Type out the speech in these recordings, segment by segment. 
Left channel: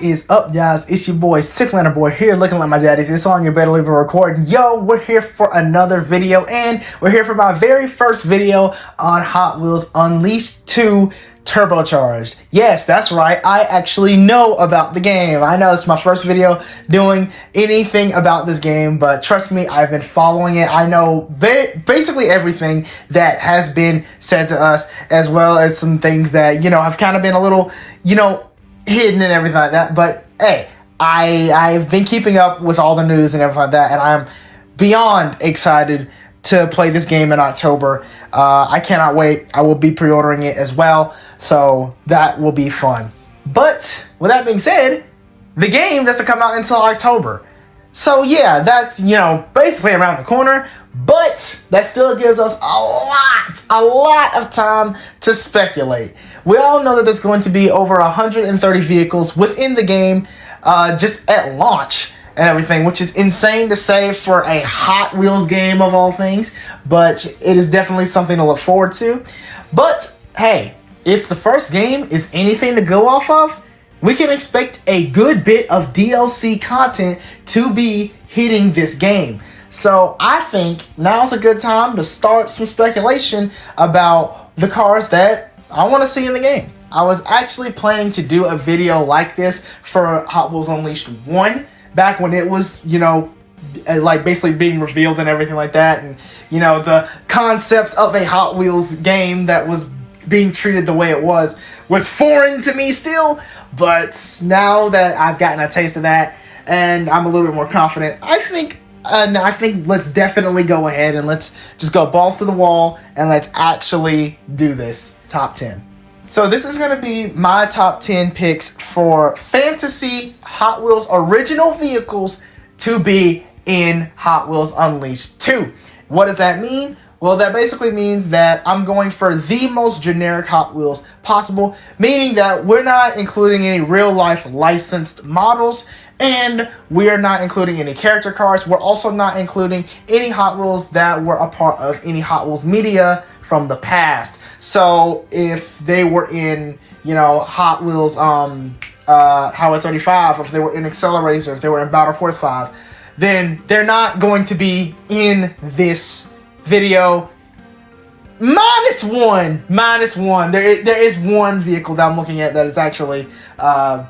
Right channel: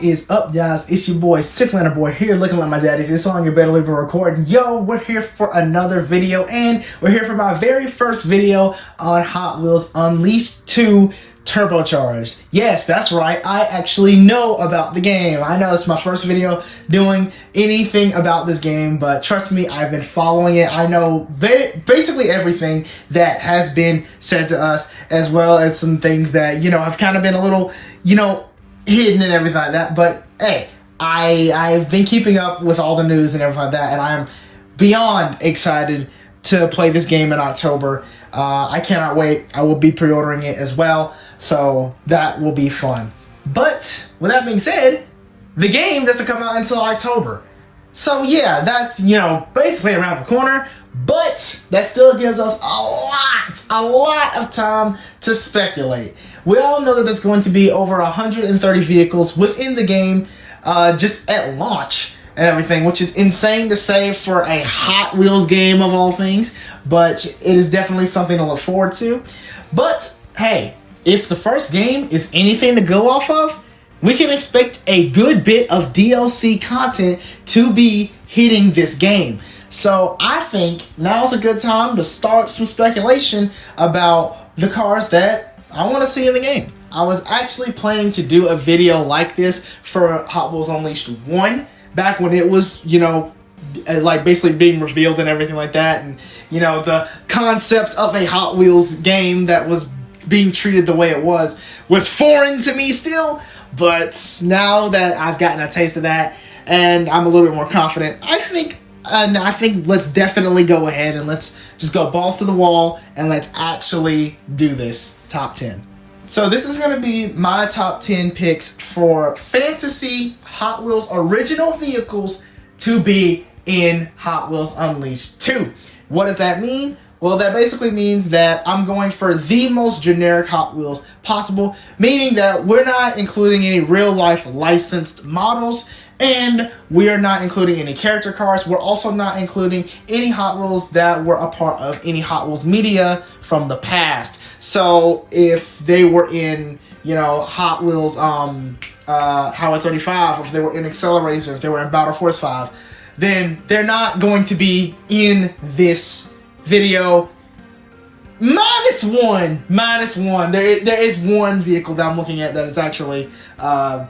What is up, guys? It's your boy, Sicklander Boy, here looking like my daddy. It's on your better leave a recording. Yo, we're here for another video, and we're here for my very first video on Hot Wheels Unleashed 2 Turbocharged. Yes, that's right. I actually know about the game. I know it's my first video doing anything about this game, but trust me, I've been following it. I know basically everything that has been said to us, as well as some things that, have kind of been a little, hidden and everything like that. But hey, I've been keeping up with all the news and everything like that, and I'm beyond excited to play this game in October. I cannot wait. I will be pre-ordering it as well, so that will be fun. But with that being said, the game doesn't come out until October. So yeah, that's, basically around the corner, but that still gives us a lot of time to speculate. We all know that there's going to be over 130 vehicles within the game, just at launch and everything, which is insane to say for a Hot Wheels game of all things, but it is definitely something to look forward to. But hey, if the first game is anything to go off of, we can expect a good bit of DLC content to be hitting this game. So I think now's a good time to start some speculation about the cars that I want to see in the game. I was actually planning to do a video like this for Hot Wheels Unleashed 1 back when it was, like basically being revealed and everything like that. And, the concept of a Hot Wheels game that was being treated the way it was foreign to me still. But now that I've gotten a taste of that and I'm a little bit more confident, I think let's definitely go ahead and let's just go balls to the wall and let's actually do this top 10. So this is going to be my top 10 picks for fantasy Hot Wheels original vehicles to be in Hot Wheels Unleashed 2. What does that mean? Well, that basically means that I'm going for the most generic Hot Wheels possible, meaning that we're not including any real-life licensed models, and we are not including any character cars. We're also not including any Hot Wheels that were a part of any Hot Wheels media from the past. So if they were in, Hot Wheels Highway 35, or if they were in Accelerator, if they were in Battle Force 5, then they're not going to be in this video. Minus one. There is one vehicle that I'm looking at that is actually kind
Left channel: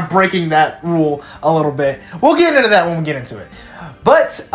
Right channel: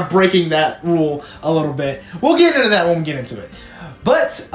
of breaking that rule a little bit. We'll get into that when we get into it. But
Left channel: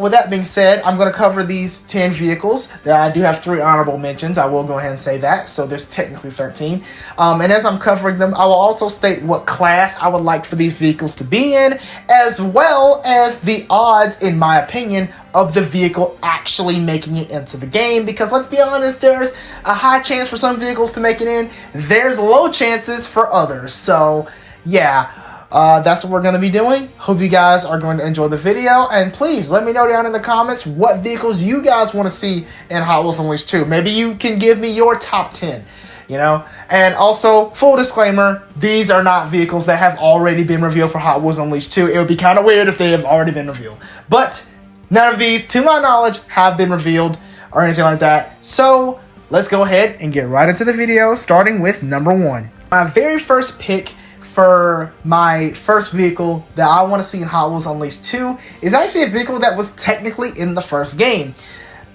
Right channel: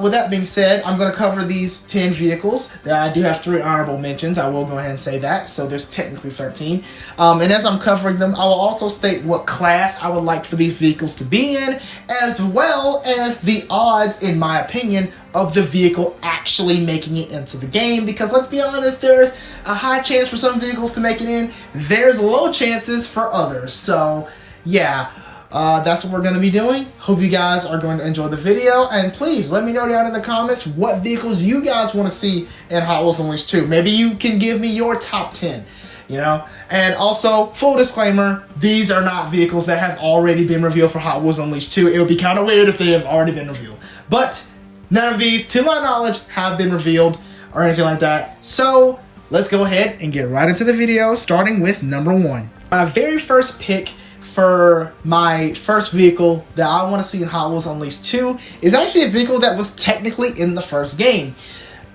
with that being said, I'm going to cover these 10 vehicles. I do have 3 honorable mentions. I will go ahead and say that. So there's technically 13. And as I'm covering them, I will also state what class I would like for these vehicles to be in, as well as the odds, in my opinion, of the vehicle actually making it into the game. Because let's be honest, there's a high chance for some vehicles to make it in. There's low chances for others. So yeah. That's what we're going to be doing. Hope you guys are going to enjoy the video. And please let me know down in the comments what vehicles you guys want to see in Hot Wheels Unleashed 2. Maybe you can give me your top 10, And also, full disclaimer, these are not vehicles that have already been revealed for Hot Wheels Unleashed 2. It would be kind of weird if they have already been revealed. But none of these, to my knowledge, have been revealed or anything like that. So let's go ahead and get right into the video, starting with number 1. My very first pick for my first vehicle that I want to see in Hot Wheels Unleashed 2 is actually a vehicle that was technically in the first game.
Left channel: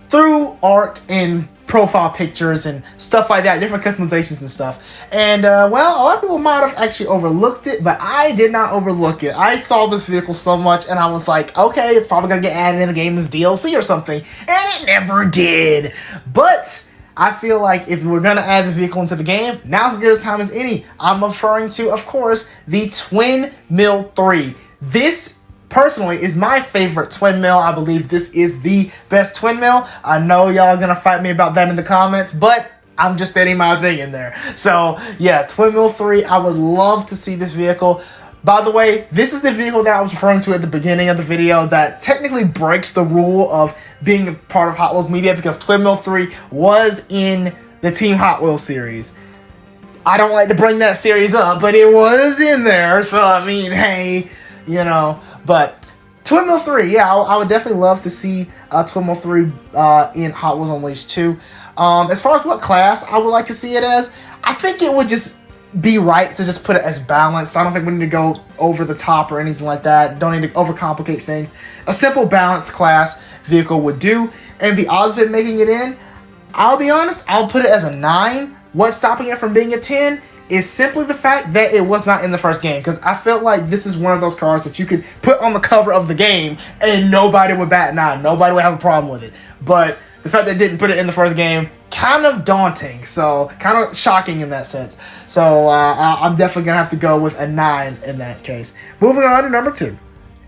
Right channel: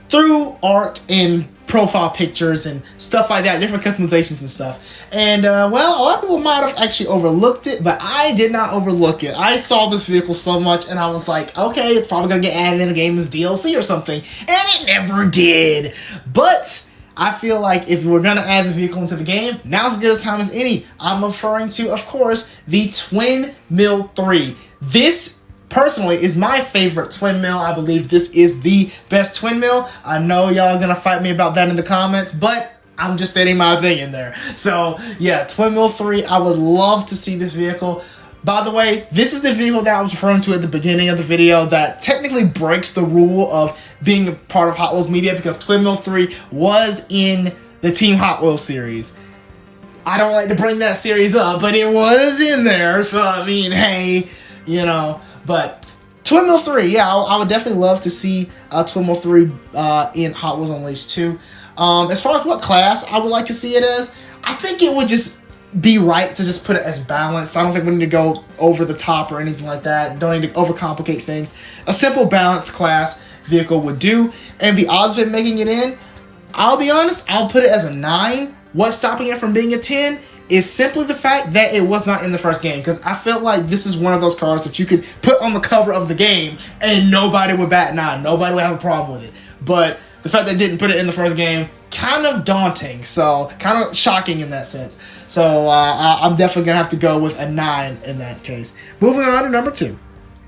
Through art and profile pictures and stuff like that, different customizations and stuff. And well, a lot of people might have actually overlooked it, but I did not overlook it. I saw this vehicle so much and I was like, okay, it's probably gonna get added in the game as DLC or something. And it never did. But I feel like if we're going to add the vehicle into the game, now's as good a time as any. I'm referring to, of course, the Twin Mill 3. This, personally, is my favorite twin mill. I believe this is the best twin mill. I know y'all are going to fight me about that in the comments, but I'm just stating my opinion there. So, yeah, Twin Mill 3, I would love to see this vehicle. By the way, this is the vehicle that I was referring to at the beginning of the video that technically breaks the rule of being a part of Hot Wheels media, because Twin Mill 3 was in the Team Hot Wheels series. I don't like to bring that series up, but it was in there, so I mean, hey, but Twin Mill 3, yeah, I would definitely love to see Twin Mill 3 in Hot Wheels Unleashed 2. As far as what class I would like to see it as, I think it would just be right to just put it as balanced. I don't think we need to go over the top or anything like that. Don't need to overcomplicate things. A simple balanced class vehicle would do. And the odds of it making it in, I'll be honest, I'll put it as a 9. What's stopping it from being a 10 is simply the fact that it was not in the first game, because I felt like this is one of those cars that you could put on the cover of the game and nobody would bat an eye. Nobody would have a problem with it. But the fact that they didn't put it in the first game, kind of daunting. So kind of shocking in that sense. So I'm definitely going to have to go with a 9 in that case. Moving on to number 2.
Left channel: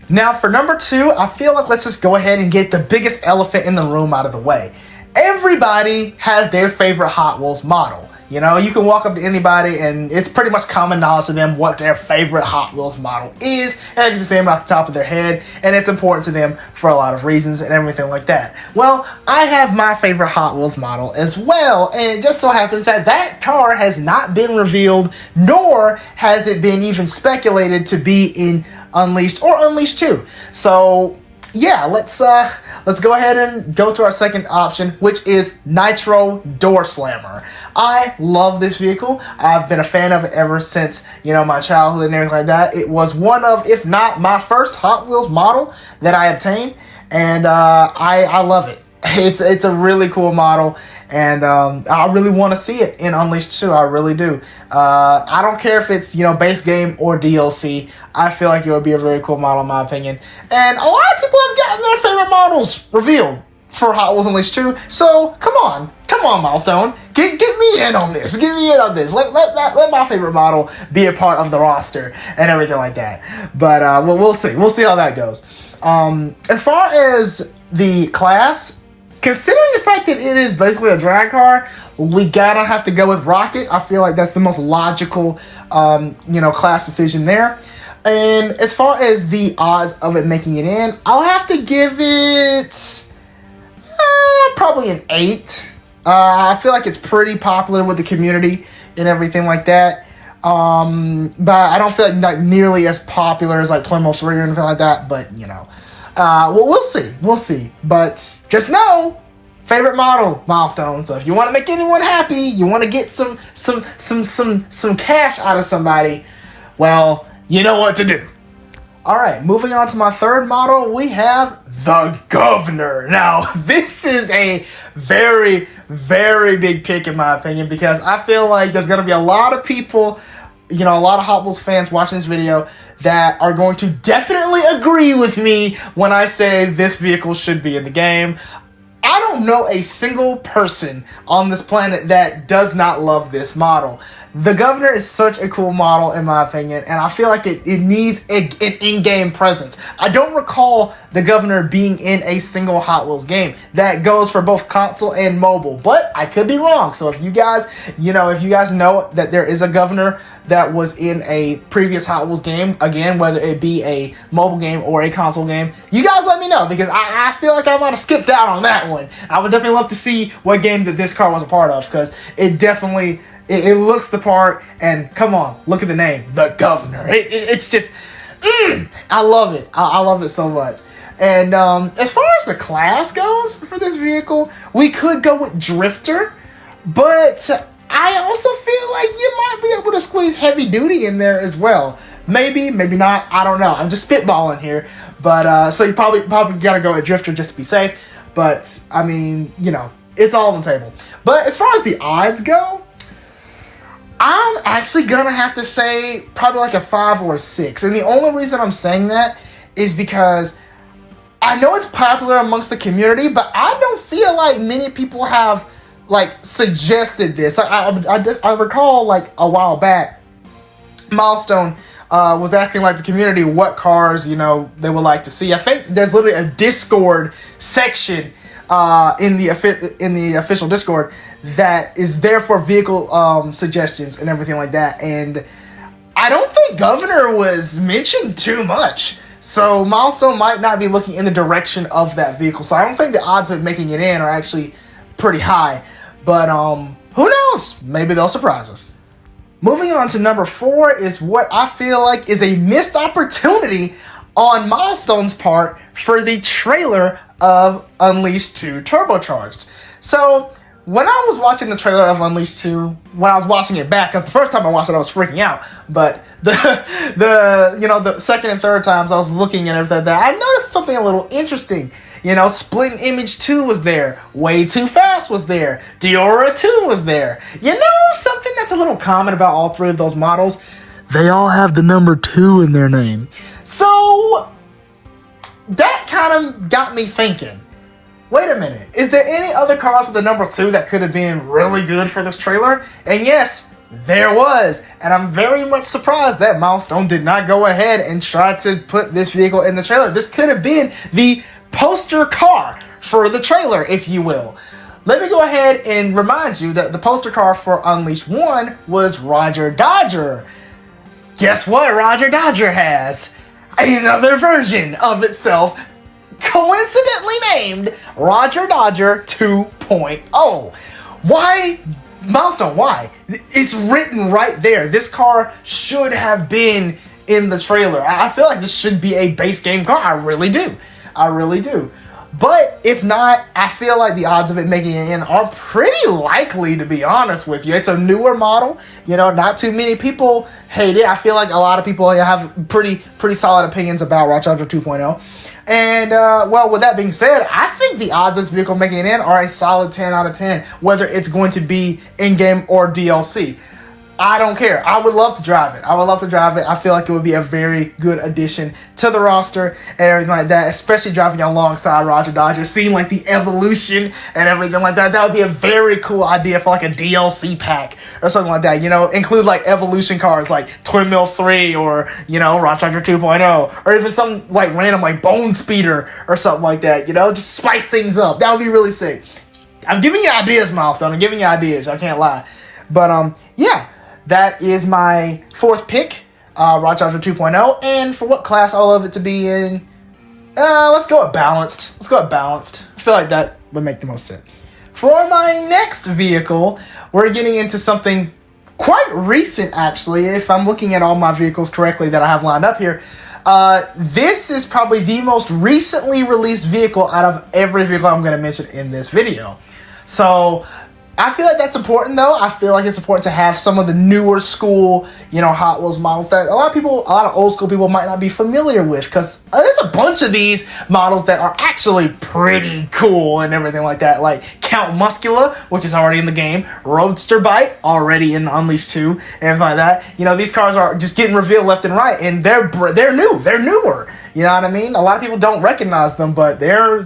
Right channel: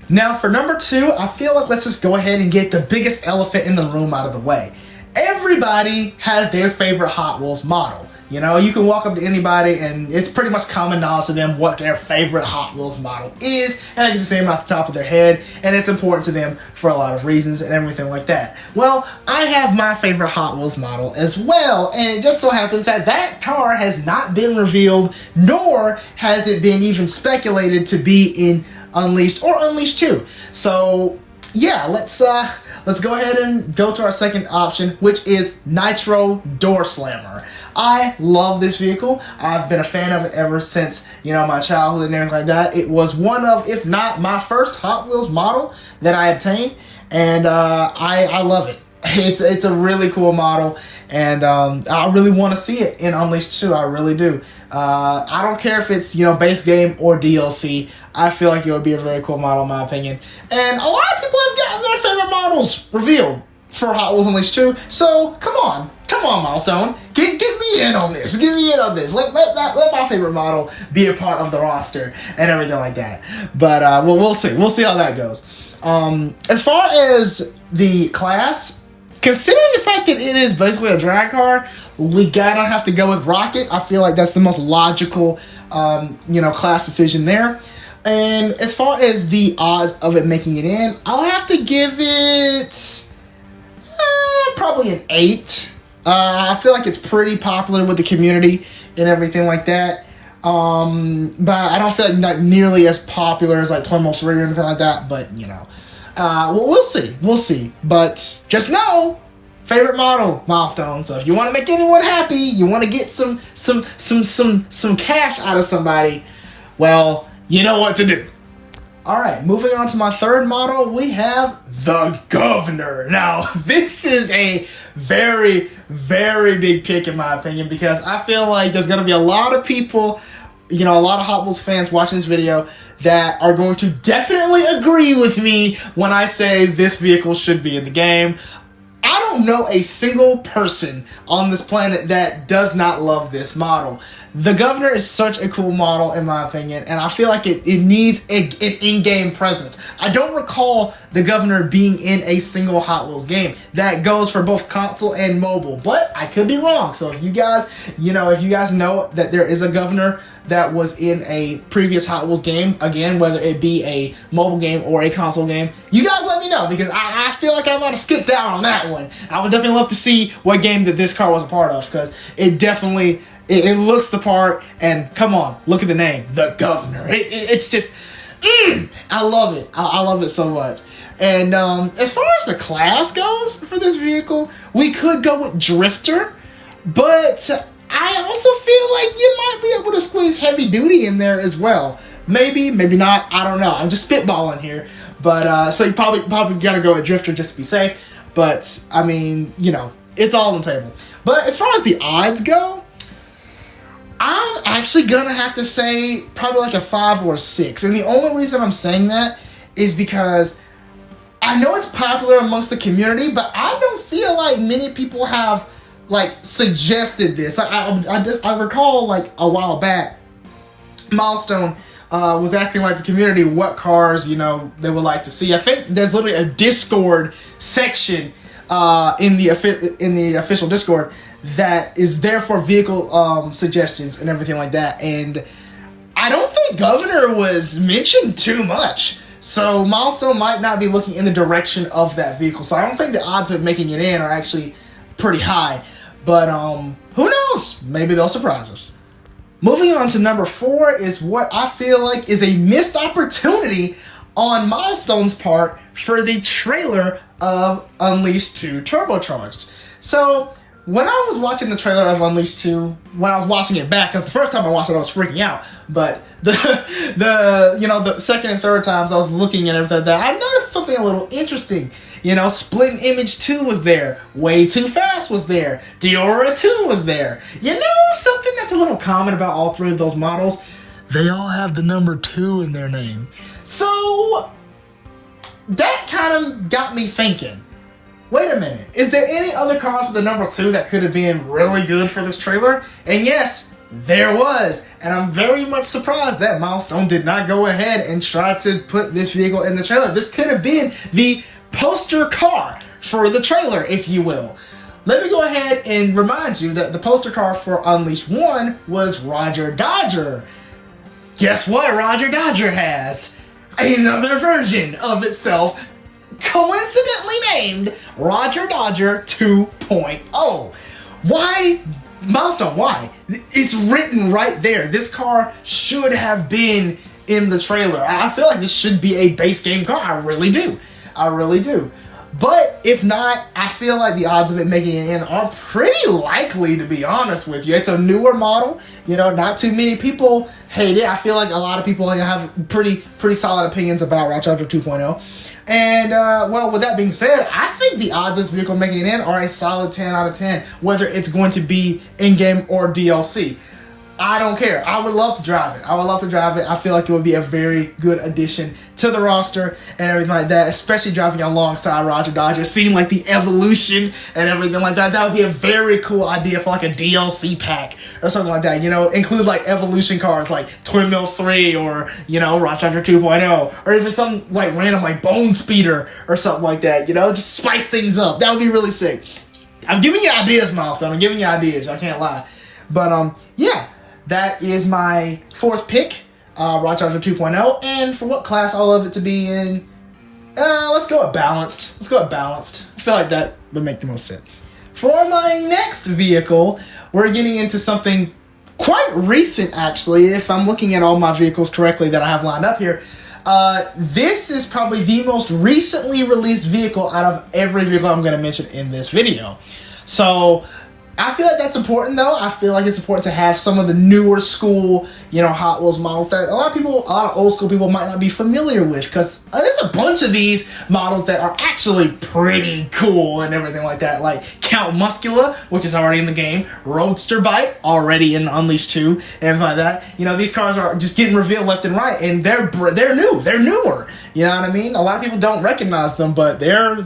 Now for number 2, I feel like let's just go ahead and get the biggest elephant in the room out of the way. Everybody has their favorite Hot Wheels model. You know, you can walk up to anybody and it's pretty much common knowledge to them what their favorite Hot Wheels model is, and they can just name it off the top of their head, and it's important to them for a lot of reasons and everything like that. Well, I have my favorite Hot Wheels model as well, and it just so happens that that car has not been revealed, nor has it been even speculated to be in Unleashed or Unleashed 2. So yeah, let's go ahead and go to our second option, which is NITRO DOORSLAMMER. I love this vehicle. I've been a fan of it ever since, you know, my childhood and everything like that. It was one of, if not my first Hot Wheels model that I obtained, and I love it. It's a really cool model, and I really want to see it in Unleashed 2. I really do. I don't care if it's, you know, base game or DLC. I feel like it would be a very cool model in my opinion. And a lot of people have gotten their favorite models revealed for Hot Wheels Unleashed 2. So come on Milestone, get me in on this. Get me in on this. Let my favorite model be a part of the roster and everything like that. But well, we'll see. We'll see how that goes. As far as the class, considering the fact that it is basically a drag car, we gotta have to go with Rocket. I feel like that's the most logical, you know, class decision there. And as far as the odds of it making it in, I'll have to give it probably an 8. I feel like it's pretty popular with the community and everything like that. But I don't feel like nearly as popular as like Twin Most Rare or anything like that. But you know, well, we'll see. We'll see. But just know, favorite model, Milestone. So if you want to make anyone happy, you want to get some cash out of somebody, well, you know what to do. All right, moving on to my third model, we have the Governor. Now, this is a very, very big pick in my opinion, because I feel like there's going to be a lot of people, you know, a lot of Hot Wheels fans watching this video that are going to definitely agree with me when I say this vehicle should be in the game. I don't know a single person on this planet that does not love this model. The Governor is such a cool model in my opinion, and I feel like it needs an in-game presence. I don't recall the Governor being in a single Hot Wheels game. That goes for both console and mobile, but I could be wrong. So if you guys, you know, that there is a Governor that was in a previous Hot Wheels game, again, whether it be a mobile game or a console game, you guys let me know, because I feel like I might have skipped out on that one. I would definitely love to see what game that this car was a part of, because it definitely, it looks the part, and come on, look at the name, the Governor. It's just, I love it. I love it so much. And as far as the class goes for this vehicle, we could go with Drifter, but I also feel like you might be able to squeeze Heavy Duty in there as well. Maybe, maybe not. I don't know. I'm just spitballing here. But so you probably gotta go with Drifter just to be safe. But I mean, you know, it's all on the table. But as far as the odds go, I'm actually gonna have to say probably like a 5 or a 6. And the only reason I'm saying that is because I know it's popular amongst the community, but I don't feel like many people have like suggested this. I recall like a while back, Milestone was asking like the community what cars, you know, they would like to see. I think there's literally a Discord section in the official Discord that is there for vehicle suggestions and everything like that. And I don't think Governor was mentioned too much. So Milestone might not be looking in the direction of that vehicle. So I don't think the odds of making it in are actually pretty high. But who knows? Maybe they'll surprise us. Moving on to number 4 is what I feel like is a missed opportunity on Milestone's part for the trailer of Unleashed 2 Turbocharged. So when I was watching the trailer of Unleashed 2, when I was watching it back, because the first time I watched it, I was freaking out. But the second and third times I was looking at everything, I noticed something a little interesting. Splitting Image 2 was there. Way Too Fast was there. Diora 2 was there. Something that's a little common about all three of those models, they all have the number 2 in their name. So that kind of got me thinking, wait a minute, is there any other cars with the number 2 that could have been really good for this trailer? And yes, there was. And I'm very much surprised that Milestone did not go ahead and try to put this vehicle in the trailer. This could have been the poster car for the trailer, if you will. Let me go ahead and remind you that the poster car for Unleashed 1 was Roger Dodger. Guess what Roger Dodger has? Another version of itself, coincidentally named Roger Dodger 2.0. Why? Milestone, why? It's written right there. This car should have been in the trailer. I feel like this should be a base game car. I really do. I really do. But if not, I feel like the odds of it making it in are pretty likely, to be honest with you. It's a newer model. Not too many people hate it. I feel like a lot of people have pretty solid opinions about Roger 2.0. And, well, with that being said, I think the odds of this vehicle making it in are a solid 10 out of 10, whether it's going to be in-game or DLC. I don't care. I would love to drive it. I feel like it would be a very good addition to the roster and everything like that, especially driving alongside Roger Dodger, seeing like the evolution and everything like that. That would be a very cool idea for like a DLC pack or something like that. Include like evolution cars like Twin Mill 3 or, Roger 2.0, or even some like random like Bone Speeder or something like that. Just spice things up. That would be really sick. I'm giving you ideas, Milestone. I'm giving you ideas. I can't lie. But, yeah. That is my fourth pick, Roger 2.0, and for what class I love it to be in, let's go with balanced. I feel like that would make the most sense. For my next vehicle, we're getting into something quite recent, actually, if I'm looking at all my vehicles correctly that I have lined up here. This is probably the most recently released vehicle out of every vehicle I'm going to mention in this video. So I feel like that's important, though. I feel like it's important to have some of the newer school, Hot Wheels models that a lot of old school people might not be familiar with, because there's a bunch of these models that are actually pretty cool and everything like that, like Count Muscula, which is already in the game, Roadster Bite, already in Unleashed 2, and everything like that. These cars are just getting revealed left and right, and they're newer. You know what I mean? A lot of people don't recognize them, but they're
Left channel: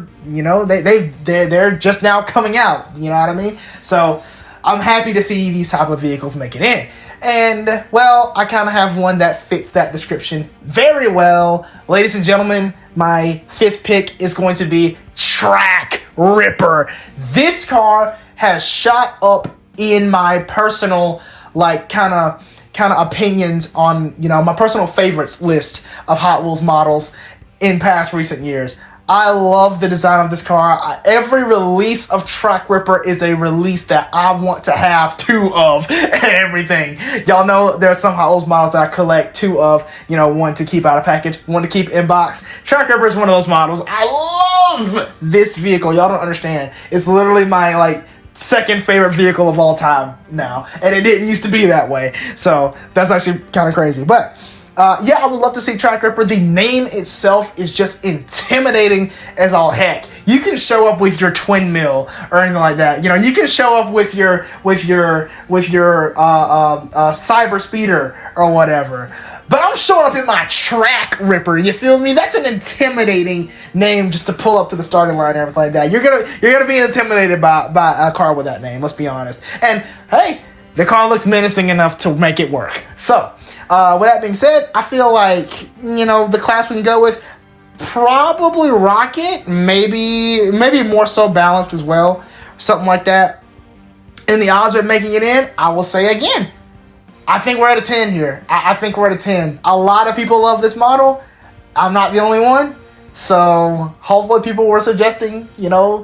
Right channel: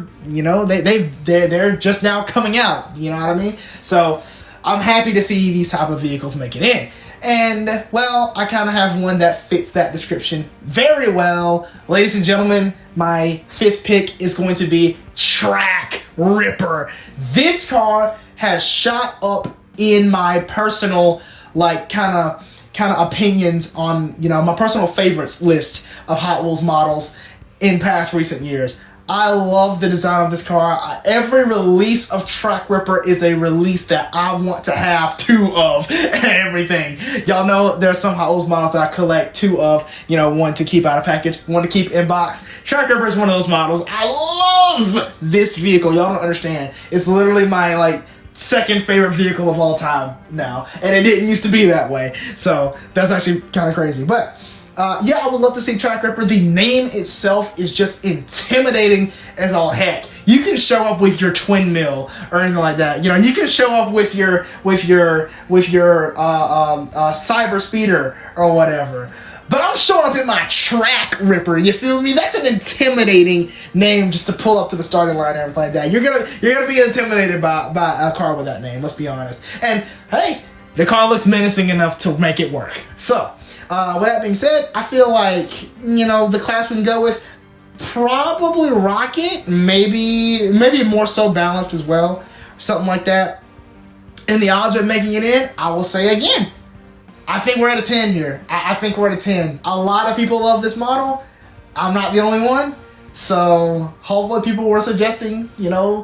just now coming out. You know what I mean? So I'm happy to see these type of vehicles make it in. And, well, I kind of have one that fits that description very well. Ladies and gentlemen, my fifth pick is going to be Track Ripper. This car has shot up in my personal, kind of opinions on, my personal favorites list of Hot Wheels models in past recent years. I love the design of this car. Every release of Track Ripper is a release that I want to have two of and everything. Y'all know there's some Hot Wheels models that I collect two of, one to keep out of package, one to keep in box. Track Ripper is one of those models. I love this vehicle. Y'all don't understand. It's literally my, second favorite vehicle of all time now. And it didn't used to be that way. So that's actually kind of crazy. But yeah, I would love to see Track Ripper. The name itself is just intimidating as all heck. You can show up with your twin mill or anything like that. You can show up with your cyber speeder or whatever. But I'm showing up in my Track Ripper. You feel me? That's an intimidating name just to pull up to the starting line and everything like that. You're gonna be intimidated by a car with that name. Let's be honest. And hey, the car looks menacing enough to make it work. So. With that being said, I feel like, the class we can go with, probably Rocket, maybe more so Balanced as well, something like that. And the odds of making it in, I will say again, I think we're at a 10 here. I think we're at a 10. A lot of people love this model. I'm not the only one. So hopefully people were suggesting,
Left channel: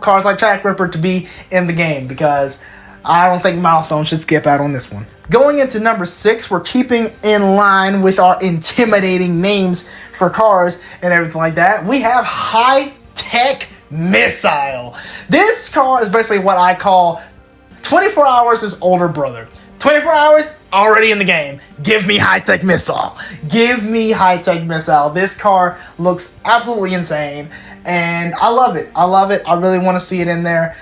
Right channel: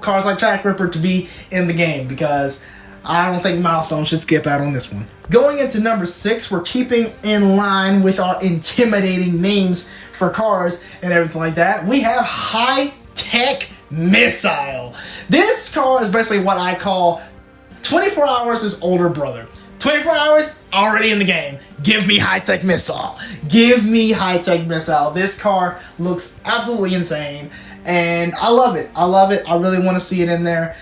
cars like Track Ripper to be in the game, because I don't think Milestone should skip out on this one. Going into number 6, we're keeping in line with our intimidating names for cars and everything like that. We have High Tech Missile. This car is basically what I call 24 hours is older brother. 24 hours, already in the game. Give me high-tech missile. Give me high-tech missile. This car looks absolutely insane, and I love it. I love it. I really want to see it in there.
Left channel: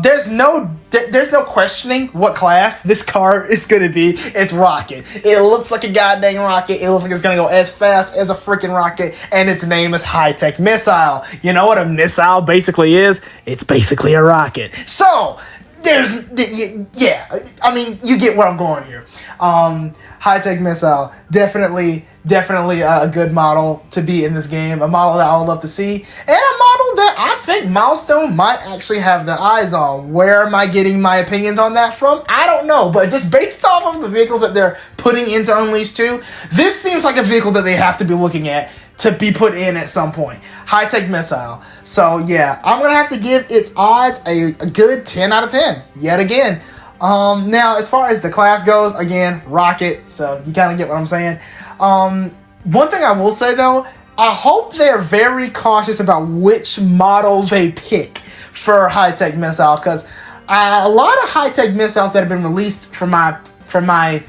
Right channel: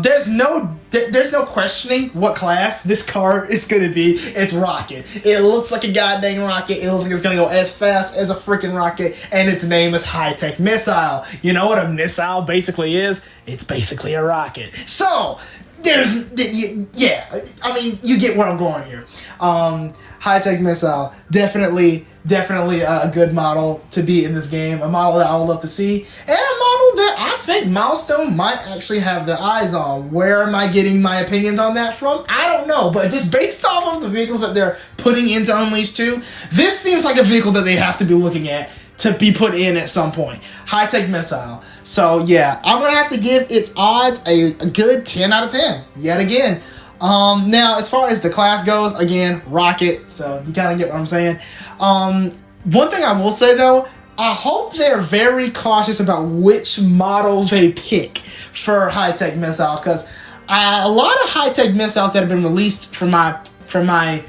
There's no questioning what class this car is going to be. It's rocket. It looks like a goddamn rocket. It looks like it's going to go as fast as a freaking rocket, and its name is high-tech missile. You know what a missile basically is? It's basically a rocket. So, yeah, I mean, you get where I'm going here. High-tech missile, definitely a good model to be in this game. A model that I would love to see, and a model that I think Milestone might actually have their eyes on. Where am I getting my opinions on that from? I don't know, but just based off of the vehicles that they're putting into Unleashed 2, this seems like a vehicle that they have to be looking at to be put in at some point. High-tech missile. So yeah, I'm gonna have to give its odds a good 10 out of 10 yet again. Now as far as the class goes, again, rocket, so you kind of get what I'm saying. One thing I will say though, I hope they're very cautious about which model they pick for high-tech missile, because a lot of high-tech missiles that have been released from my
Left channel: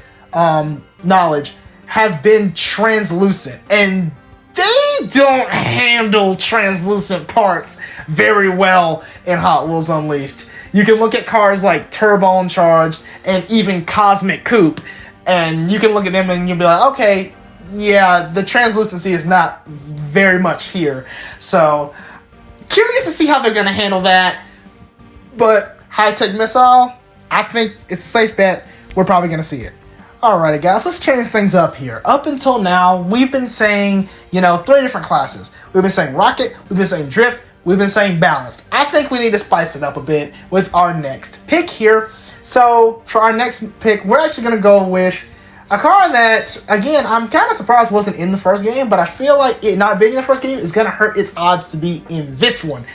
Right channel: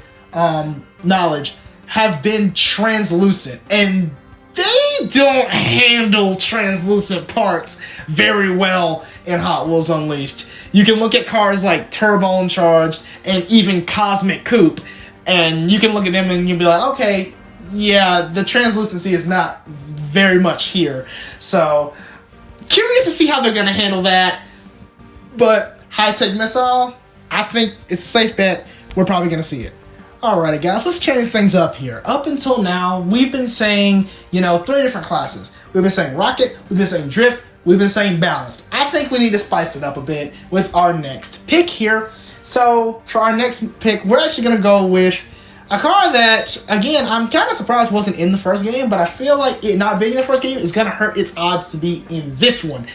knowledge have been translucent, and they don't handle translucent parts very well in Hot Wheels Unleashed. You can look at cars like Turbocharged and even Cosmic Coupe, and you can look at them and you'll be like, okay, yeah, the translucency is not very much here. So, curious to see how they're going to handle that. But high-tech missile, I think it's a safe bet. We're probably going to see it. Alrighty guys, let's change things up here. Up until now, we've been saying, 3 different classes. We've been saying rocket, we've been saying drift, we've been saying balanced. I think we need to spice it up a bit with our next pick here. So for our next pick, we're actually going to go with a car that, again, I'm kind of surprised wasn't in the first game, but I feel like it not being in the first game is going to hurt its odds to be in this one.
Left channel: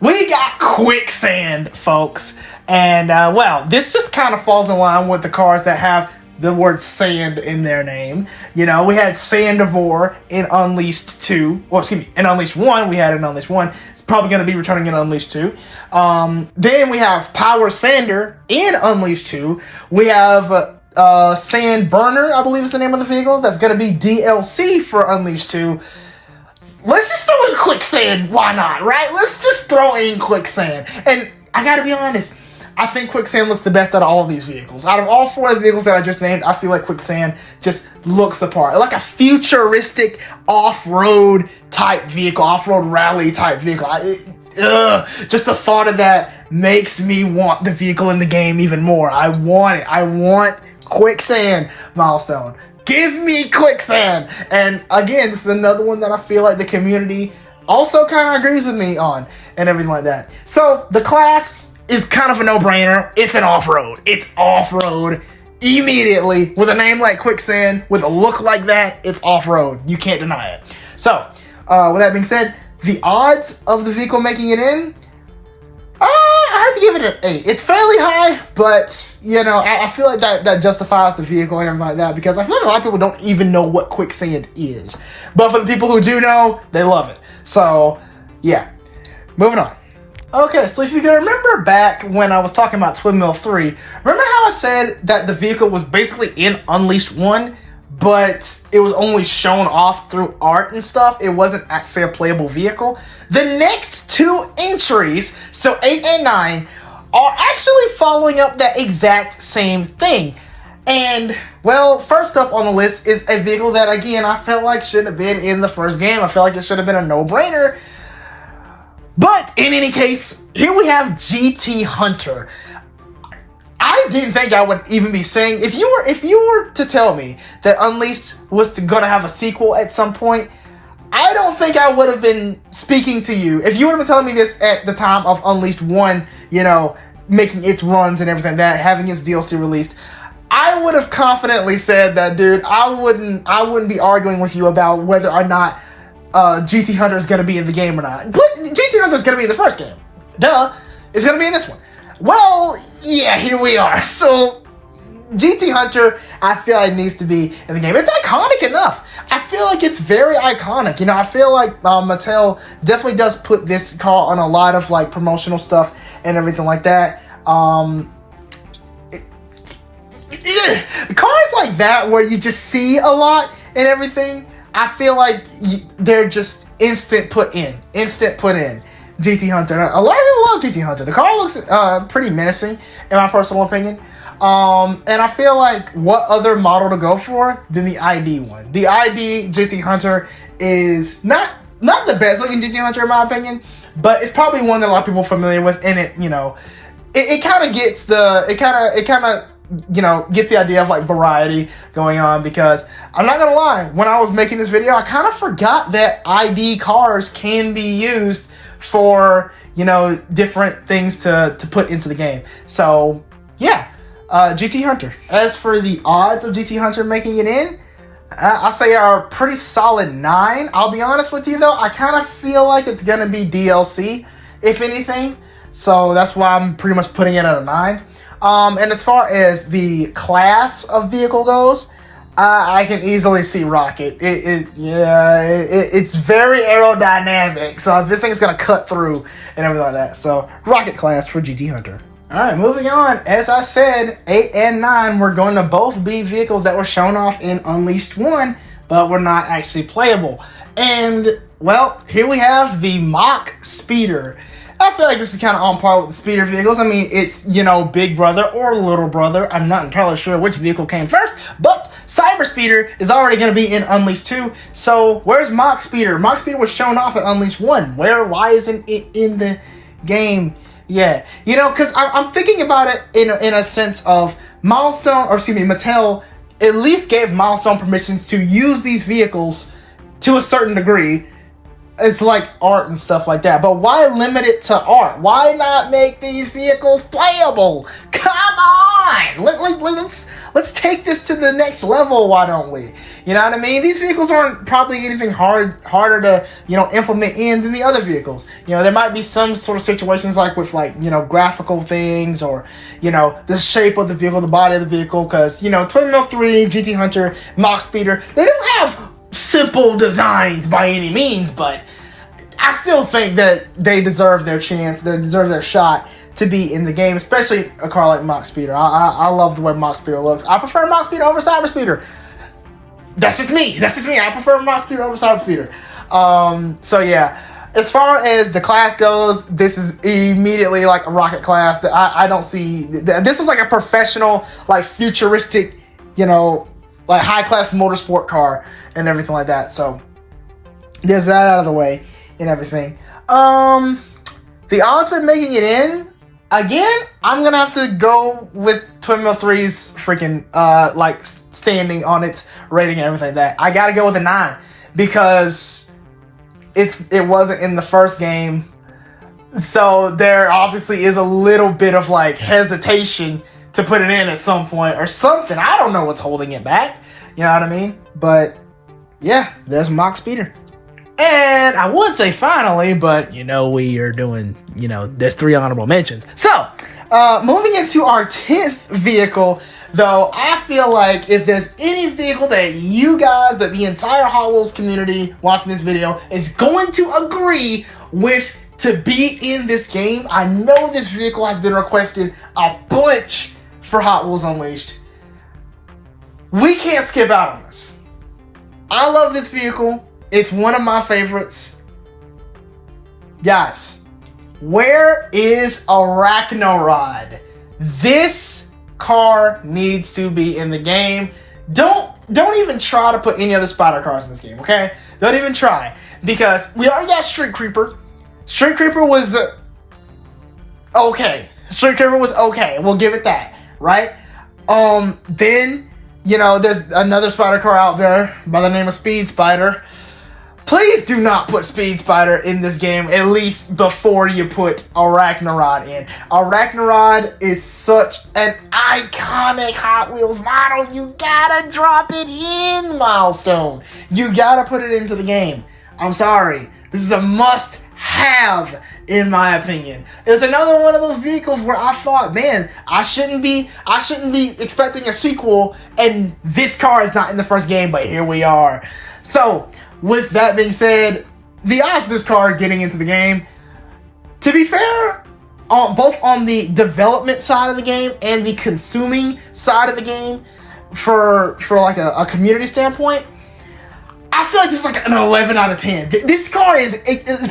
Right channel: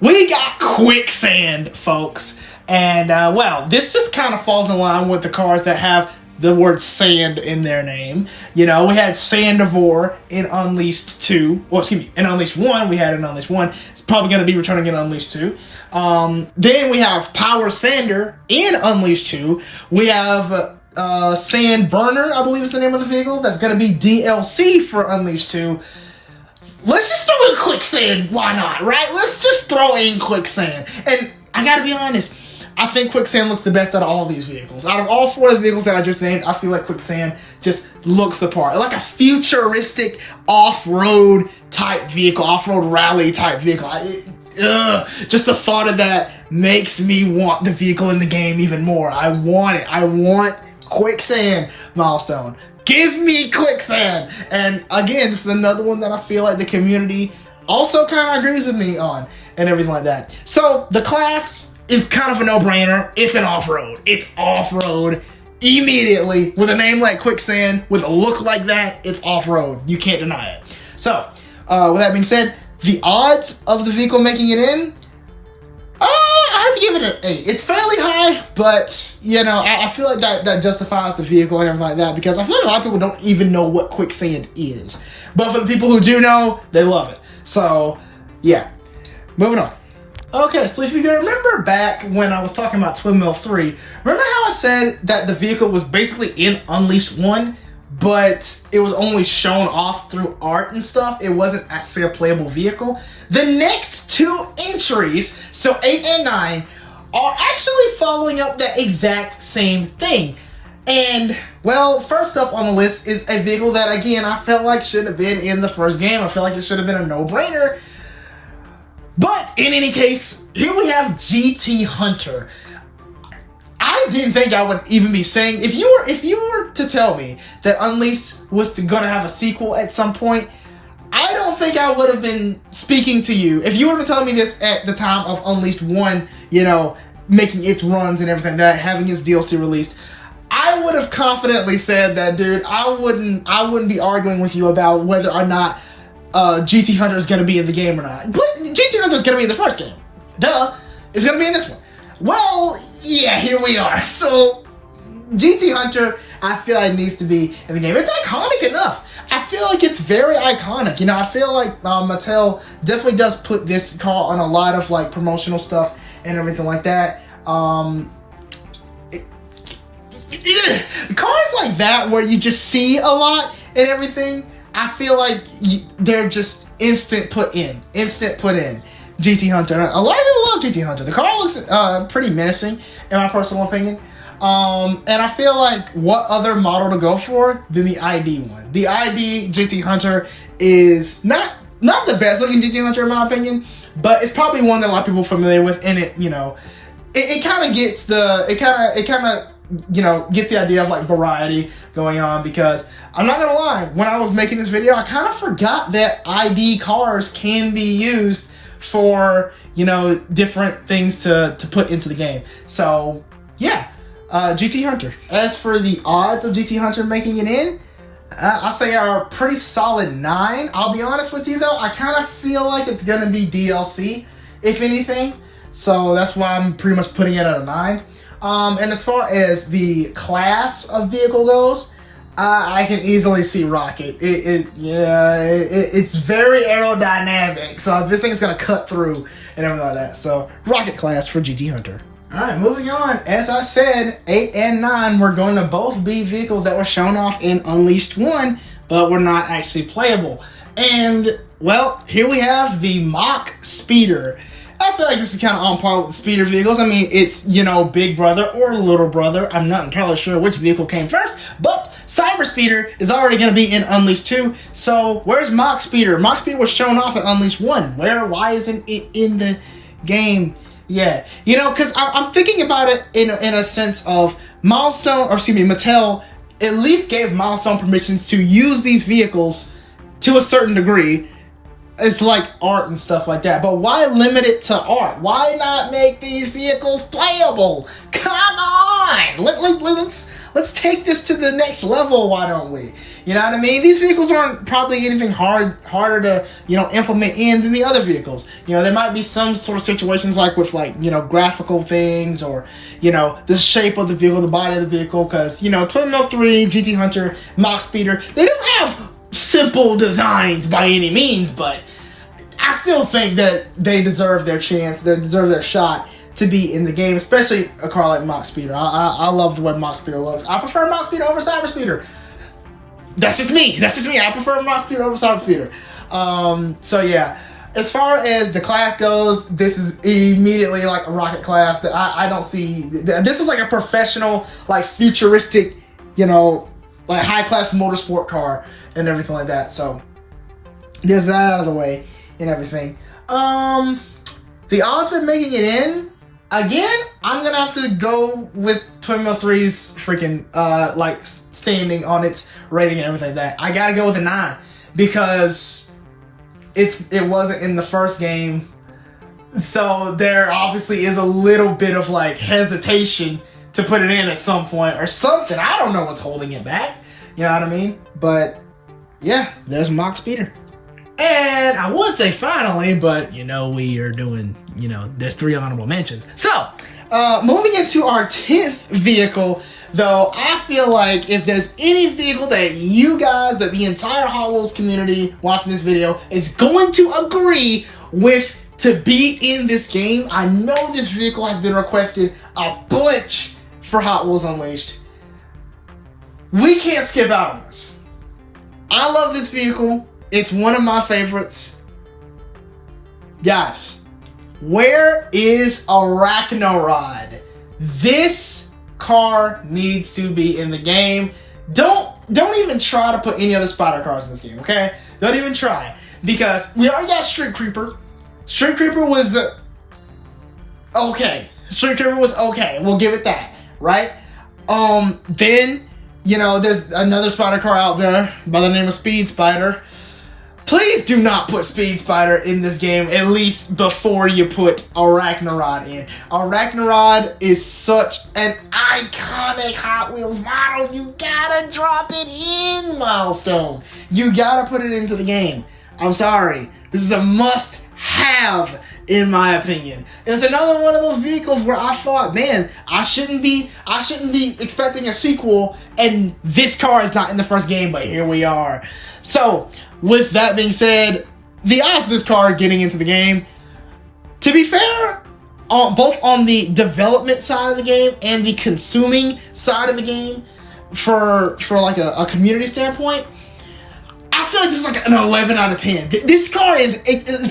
We got Quicksand, folks. And, well, this just kind of falls in line with the cars that have the word sand in their name. We had Sandivore in Unleashed 2. Well, excuse me, in Unleashed 1. We had it in Unleashed 1. It's probably going to be returning in Unleashed 2. Then we have Power Sander in Unleashed 2. We have Sand Burner, I believe is the name of the vehicle. That's going to be DLC for Unleashed 2. Let's just throw in Quicksand. Why not, right? Let's just throw in Quicksand. And I got to be honest, I think Quicksand looks the best out of all of these vehicles. Out of all 4 of the vehicles that I just named, I feel like Quicksand just looks the part. Like a futuristic off-road type vehicle, off-road rally type vehicle. Just the thought of that makes me want the vehicle in the game even more. I want it. I want Quicksand, Milestone. Give me Quicksand! And again, this is another one that I feel like the community also kind of agrees with me on and everything like that. So, the class is kind of a no-brainer. It's an off-road. It's off-road immediately. With a name like Quicksand, with a look like that, it's off-road. You can't deny it. So, with that being said, the odds of the vehicle making it in, I have to give it an 8. It's fairly high, but, I feel like that justifies the vehicle and everything like that, because I feel like a lot of people don't even know what Quicksand is. But for the people who do know, they love it. So, yeah. Moving on. Okay, so if you can remember back when I was talking about Twin Mill 3, remember how I said that the vehicle was basically in Unleashed 1, but it was only shown off through art and stuff? It wasn't actually a playable vehicle? The next 2 entries, so 8 and 9, are actually following up that exact same thing. And, well, first up on the list is a vehicle that, again, I felt like should have been in the first game. I felt like it should have been a no-brainer. But in any case, here we have GT Hunter. I didn't think I would even be saying, if you were to tell me that Unleashed was gonna have a sequel at some point, I don't think I would have been speaking to you. If you would have been telling me this at the time of Unleashed 1, making its runs and everything, that having its DLC released, I would have confidently said that, dude, I wouldn't be arguing with you about whether or not GT Hunter is going to be in the game or not. But GT Hunter is going to be in the first game. Duh. It's going to be in this one. Well, yeah, here we are. So, GT Hunter, I feel like needs to be in the game. It's iconic enough. I feel like it's very iconic. I feel like Mattel definitely does put this car on a lot of, promotional stuff and everything like that. cars like that where you just see a lot and everything, I feel like they're just instant put in. GT Hunter. A lot of people love GT Hunter. The car looks pretty menacing, in my personal opinion. And I feel like what other model to go for than the ID one. The ID GT Hunter is not the best looking GT Hunter in my opinion, but it's probably one that a lot of people are familiar with, and it, you know, it kind of gets gets the idea of like variety going on, because I'm not gonna lie, when I was making this video, I kind of forgot that ID cars can be used for, you know, different things to put into the game. So yeah, GT Hunter. As for the odds of GT Hunter making it in, I'll say are a pretty solid 9. I'll be honest with you though, I kind of feel like it's gonna be DLC, if anything. So that's why I'm pretty much putting it at a 9. And as far as the class of vehicle goes, I can easily see Rocket. It's very aerodynamic, so this thing's gonna cut through and everything like that. So Rocket class for GT Hunter. All right, moving on. As I said, 8 and 9 were going to both be vehicles that were shown off in Unleashed 1, but were not actually playable. And well, here we have the MACH Speeder. I feel like this is kind of on par with the speeder vehicles. I mean, it's, you know, big brother or little brother. I'm not entirely sure which vehicle came first, but Cyber Speeder is already going to be in Unleashed 2. So where's MACH Speeder? MACH Speeder was shown off at Unleashed 1. Why isn't it in the game yet? You know, because I'm thinking about it in a sense of Mattel at least gave Milestone permissions to use these vehicles to a certain degree. It's like art and stuff like that, but why limit it to art? Why not make these vehicles playable? Come on, let's take this to the next level. Why don't we? You know what I mean? These vehicles aren't probably anything harder to, you know, implement in than the other vehicles. You know, there might be some sort of situations like with, like, you know, graphical things, or, you know, the shape of the vehicle, the body of the vehicle, because, you know, Twin Mill 3, GT Hunter, MACH Speeder, they don't have simple designs by any means, but I still think that they deserve their chance, they deserve their shot to be in the game, especially a car like MACH Speeder. I love the way MACH Speeder looks. I prefer MACH Speeder over Cyber Speeder. That's just me. I prefer MACH Speeder over Cyber Speeder. So yeah, as far as the class goes, this is immediately like a rocket class that I don't see. This is like a professional, like futuristic, you know, like high class motorsport car and everything like that. So there's that out of the way and everything. The odds of making it in, again, I'm gonna have to go with Twin Mill 3's freaking like standing on its rating and everything like that. I gotta go with a 9 because it wasn't in the first game, so there obviously is a little bit of like hesitation to put it in at some point or something. I don't know what's holding it back. You know what I mean? But yeah, there's MACH Speeder. And I would say finally, but you know, we are doing, you know, there's 3 honorable mentions. So, moving into our 10th vehicle, though, I feel like if there's any vehicle that you guys, that the entire Hot Wheels community watching this video is going to agree with to be in this game, I know this vehicle has been requested a bunch for Hot Wheels Unleashed. We can't skip out on this. I love this vehicle. It's one of my favorites. Guys, where is Arachnarod? This car needs to be in the game. Don't even try to put any other spider cars in this game, okay? Don't even try. Because we already got Street Creeper. Street Creeper was okay. Street Creeper was okay. We'll give it that, right? Then, you know, there's another spider car out there by the name of Speed Spider. Please do not put Speed Spider in this game, at least before you put Arachnarod in. Arachnarod is such an iconic Hot Wheels model. You gotta drop it in, Milestone. You gotta put it into the game. I'm sorry. This is a must-have, in my opinion. It's another one of those vehicles where I thought, man, I shouldn't be expecting a sequel, and this car is not in the first game, but here we are. So, with that being said, the odds of this car getting into the game, to be fair, both on the development side of the game and the consuming side of the game, for like a community standpoint, I feel like this is like an 11 out of 10. This car is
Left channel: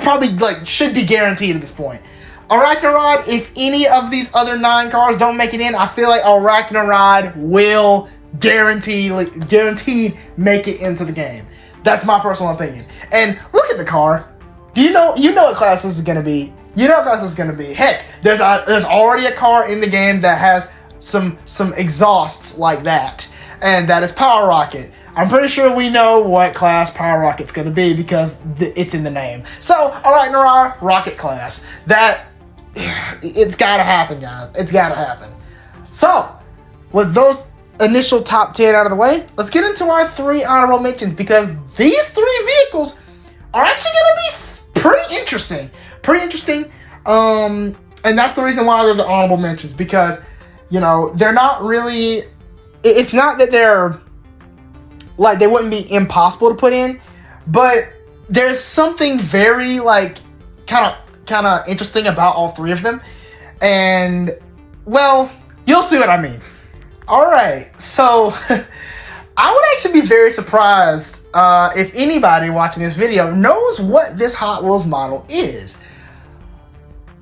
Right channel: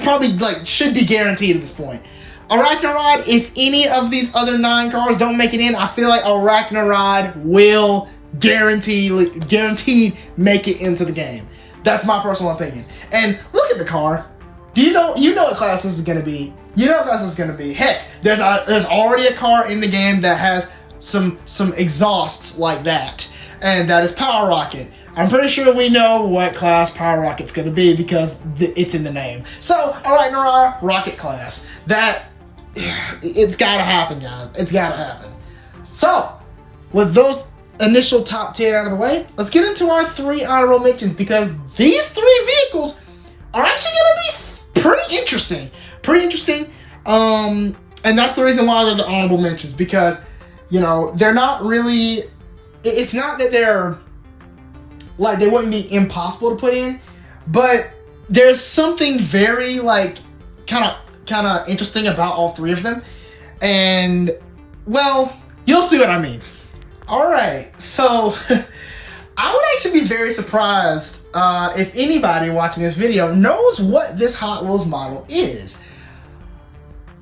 probably like should be guaranteed at this point. Arachnarod, if any of these other 9 cars don't make it in, I feel like Arachnarod will guaranteed make it into the game. That's my personal opinion. And look at the car. Do you know what class this is gonna be? You know what class this is gonna be. Heck, there's already a car in the game that has some exhausts like that, and that is Power Rocket. I'm pretty sure we know what class Power Rocket's gonna be because it's in the name. So, Arachnarod, Rocket class. It's gotta happen, guys. It's gotta happen. So, with those initial top 10 out of the way, let's get into our 3 honorable mentions, because these 3 vehicles are actually gonna be pretty interesting. And that's the reason why they're the honorable mentions, because, you know, they're not really, it's not that they're, like, they wouldn't be impossible to put in, but there's something very, like, kind of interesting about all 3 of them. And, well, you'll see what I mean. All right, so I would actually be very surprised if anybody watching this video knows what this Hot Wheels model is.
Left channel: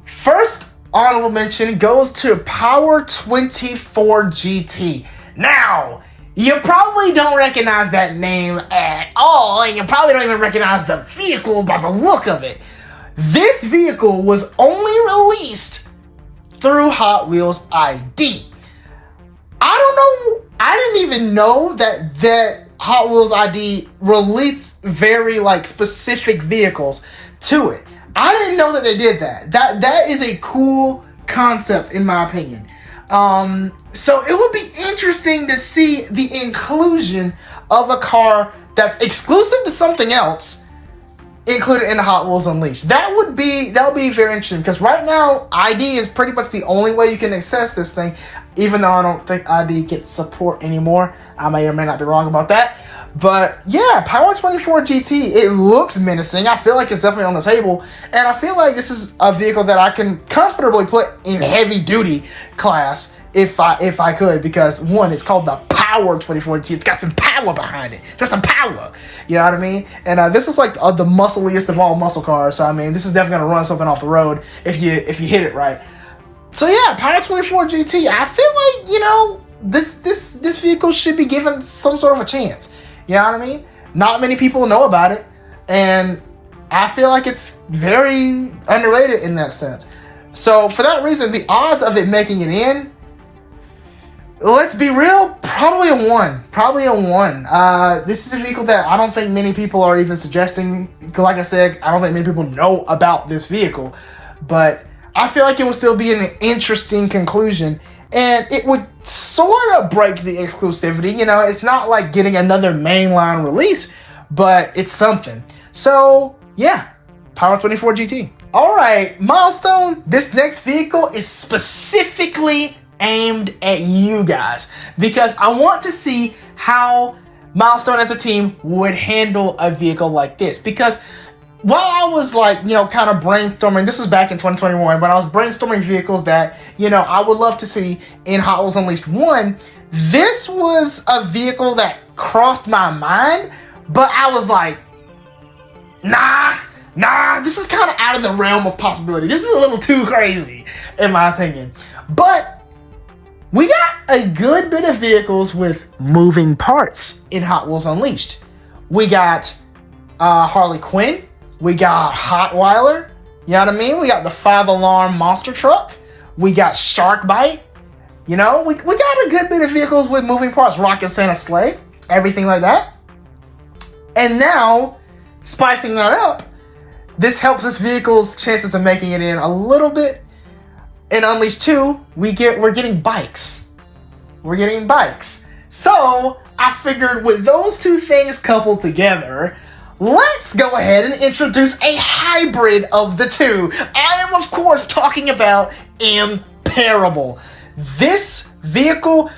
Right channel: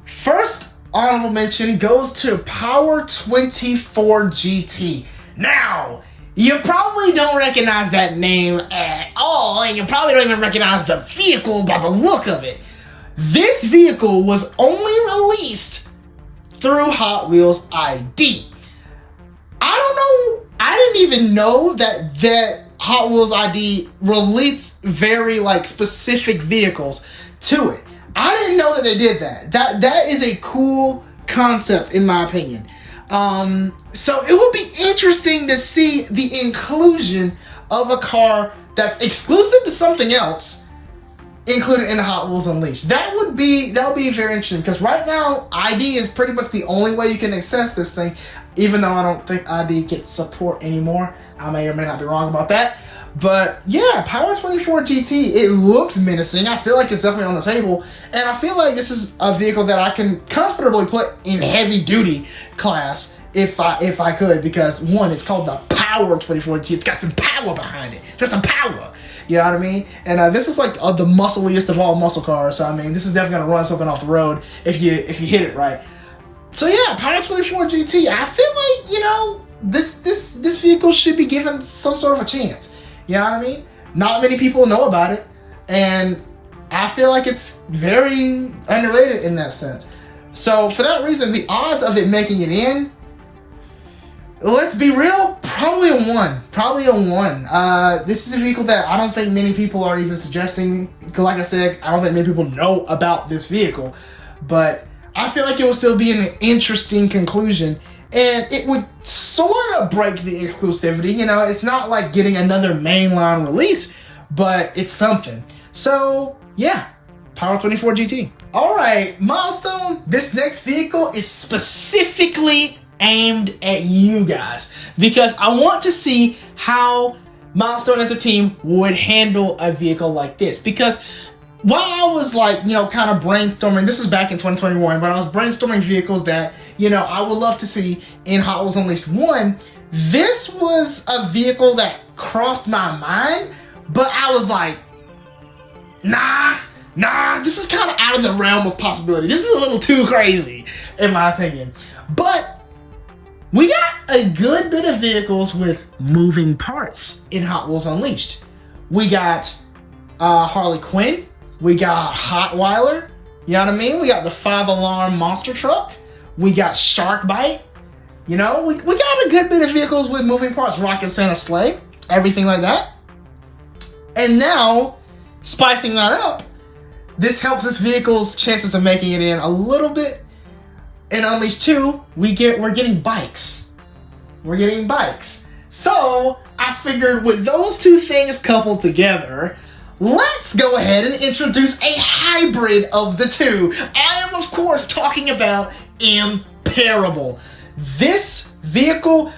First honorable mention goes to Power 24 GT. Now, you probably don't recognize that name at all, and you probably don't even recognize the vehicle by the look of it. This vehicle was only released through Hot Wheels ID. I don't know, I didn't even know that Hot Wheels ID released very, like, specific vehicles to it. I didn't know that they did that. That is a cool concept, in my opinion. So it would be interesting to see the inclusion of a car that's exclusive to something else included in the Hot Wheels Unleashed. That would be very interesting, because right now ID is pretty much the only way you can access this thing, even though I don't think ID gets support anymore. I may or may not be wrong about that. But yeah, Power 24 GT, it looks menacing. I feel like it's definitely on the table, and I feel like this is a vehicle that I can comfortably put in heavy duty class if I could, because one, it's called the Power 24 GT. It's got some power behind it. Just some power. You know what I mean? And this is like the muscliest of all muscle cars. So I mean, this is definitely gonna run something off the road if you hit it right. So yeah, Power 24 GT. I feel like, you know, this vehicle should be given some sort of a chance. You know what I mean? Not many people know about it, and I feel like it's very underrated in that sense. So for that reason, the odds of it making it in, let's be real, probably a 1. Probably a 1. This is a vehicle that I don't think many people are even suggesting. Like I said, I don't think many people know about this vehicle, but I feel like it will still be an interesting conclusion. And it would sort of break the exclusivity. You know, it's not like getting another mainline release, but it's something. So, yeah, Power 24 GT. All right, Milestone, this next vehicle is specifically aimed at you guys, because I want to see how Milestone as a team would handle a vehicle like this. Because while I was, like, you know, kind of brainstorming, this was back in 2021, when I was brainstorming vehicles that, you know, I would love to see in Hot Wheels Unleashed 1, this was a vehicle that crossed my mind, but I was like, nah, this is kind of out of the realm of possibility. This is a little too crazy, in my opinion. But we got a good bit of vehicles with moving parts in Hot Wheels Unleashed. We got Harley Quinn. We got Hotweiler, you know what I mean? We got the 5-alarm monster truck. We got Sharkbite. You know, we got a good bit of vehicles with moving parts. Rocket Santa Sleigh, everything like that. And now, spicing that up, this helps this vehicle's chances of making it in a little bit. In Unleashed 2, we're getting bikes. We're getting bikes. So, I figured with those two things coupled together, let's go ahead and introduce a hybrid of the two. I am, of course, talking about Imperable. This vehicle,